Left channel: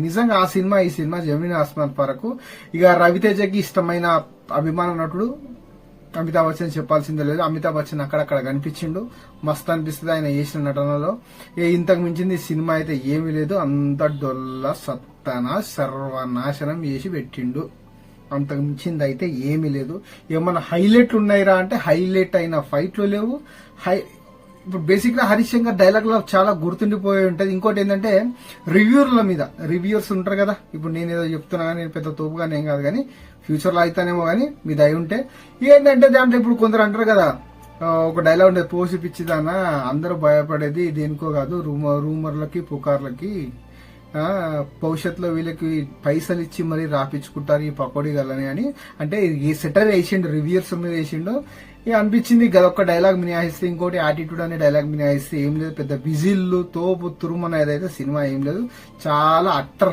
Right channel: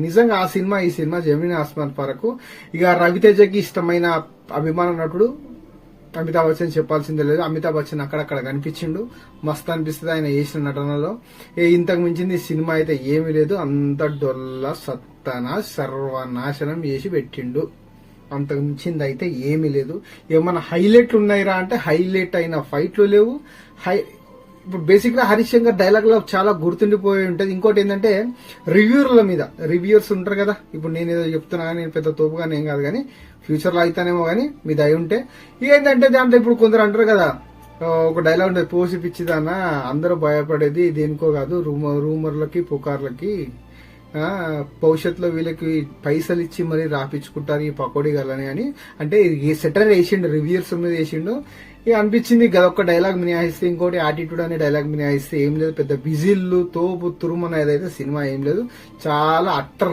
నిజంగా ఆ సినిమా ఈ సినిమా జమీన్ ఆస్మాన్ వరకు ఇక రవితేజకి ఇష్టమైన అభిమాన నటుడు అమితాబ్ బచ్చన్ చెప్పాల్సిందే లేదు. అమితాబ్ బచ్చన్ అక్కడక్కడ కనిపించిండు, మస్తు అనిపిస్తుంది ఆయన చేసిన నటనలో. ఇంతకు మించింది సినిమా అయితే ఏమీ లేదు. అంత డొల్ల సత్తన సర్వనాశనం చేసి పెట్టిండు. అంతకు మించింది అయితే ఏమీ లేదు. ఏమన్నా హైలైట్లు ఉన్నాయిరా అంటే హైలైట్ అయిన ఫైట్లు లేవు. ఇప్పుడు బేసిక్ గా హరీష్ శంకర్ డైలాగ్ లో చాలా గుర్తుండిపోయి ఉంటది. ఇంకోటి ఏంటంటే రివ్యూర్స్ ఉంటారు కదా. ఇప్పుడు నేను ఏదో చెప్తున్నా, నేను పెద్ద తోపుగానే ఏం కాదు కానీ ఫ్యూచర్ లో అయితేనేమో కానీ మీ దయ ఉంటే ఇక ఏంటంటే దాంట్లో ఇప్పుడు కొందరు అంటారు కదా, ఒక డైలాగ్ ఉంటుంది, పోసి పిచ్చిదానా అందరూ భయపడేది దేనికో కాదు రూమర్లకి పుకార్లకి, భవిష్యత్తులో వీళ్ళకి పైసలు ఇచ్చి మరీ రాపించుకుంటారు ఈ పకోడీ గలని అని. అంటే సెటర్ వేసిండు, రివ్యూర్స్ మీద వేసిండు. ఇక అనిపించింది ఒక డైలాగ్ మినిహాయిస్తే ఇంకోటి యాటిట్యూడ్ అనే డైలాగ్ మినిహాయిస్తే ఏం లేదు. పెద్ద విజిల్లు తోపు తురుమనేదైతే సినిమా ఏం లేదు. చాలా అట్టర్